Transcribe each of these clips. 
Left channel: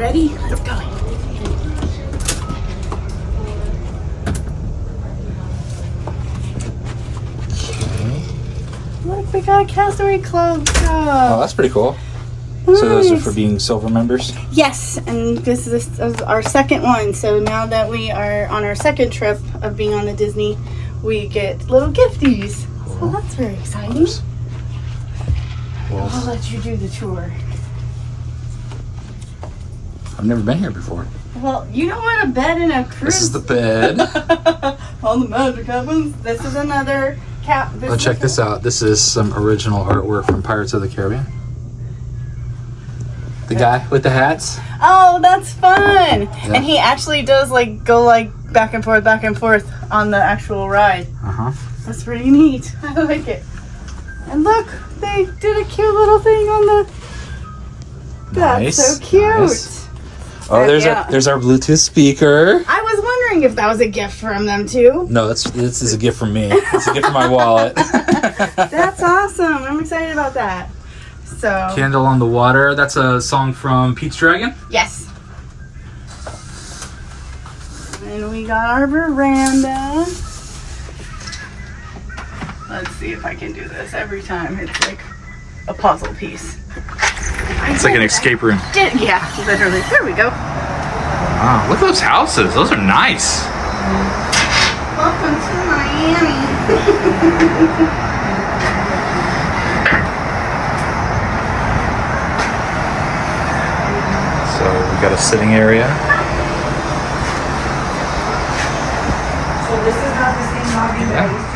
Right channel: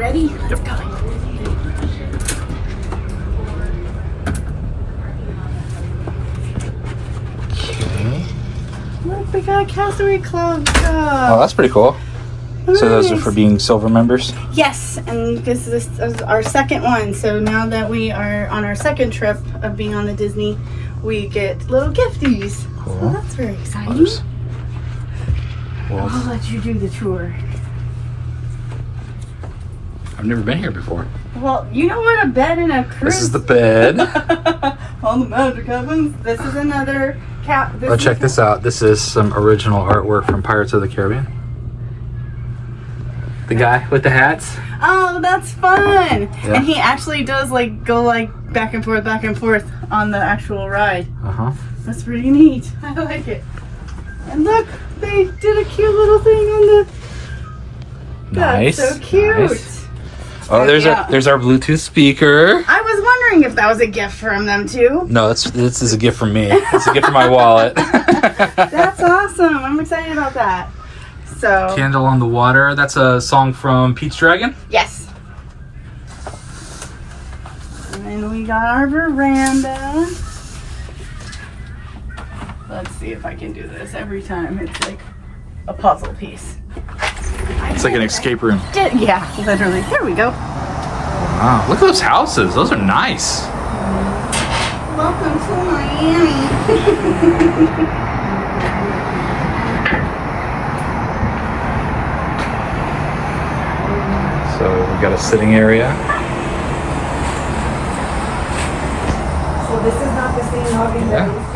Ready? Let's go. Look, we got Castaway Club stuff. Oh, that's pretty cool. Nice. So those are for being silver members? Yes, and this is our second one. So now that we are on our second trip of being on the Disney, we get little gifties. Cool. So that's very exciting. Well, I'll let you do the tour. I've never been here before. Well, you don't want a bed in a cruise. This is the bed. On the magic cabins. This is another cap. Oh, check this out. This is some original artwork from Pirates of the Caribbean. The guy with the hats. Oh, that's fun. Yeah. And he actually does like go like back and forth on the actual ride. Uh-huh. That's pretty neat. I like it. And look, they did a cute little thing on the... Nice. That's so cute. Nice. Oh, there's our Bluetooth speaker. I was wondering if that was a gift from them too. No, this is a gift from me. It's a gift from my wallet. That's awesome. I'm excited about that. So Candle on the Water. That's a song from Pete's Dragon. yes. And we got our veranda. Let's see if I can do this every time. It's like a puzzle piece. It's like an escape room. Yeah, literally. There we go. Wow, look at those houses. Those are nice. Welcome to Miami. So we've got a sitting area. So this is not the same lobby. Yeah.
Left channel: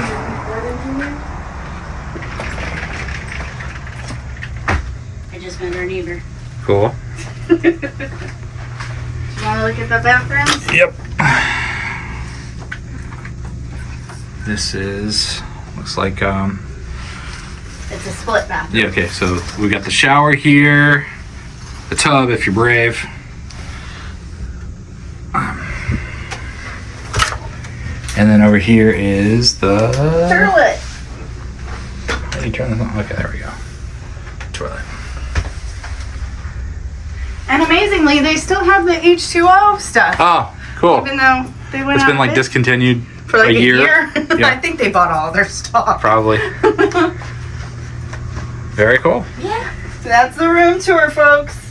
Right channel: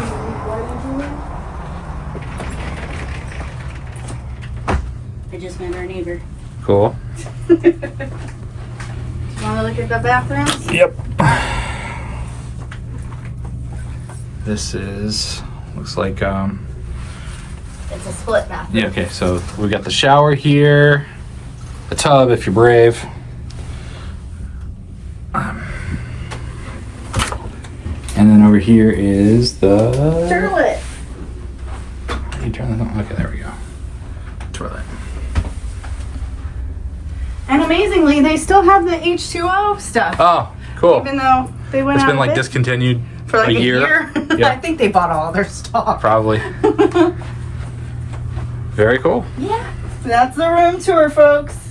I just measured either. Cool. Do you want to look at the bathrooms? Yep. This looks like It's a split bathroom. yeah, okay, so we got the shower here, the tub if you're brave. And then over here is the Toilet. How do you turn this on? Okay, there we go. Toilet. And amazingly, they still have the H2O stuff. Oh, cool. Even though they went It's out been like of it discontinued for like a year. Yeah. I think they bought all their stock. Probably. Very cool. Yeah. So that's the room tour, folks.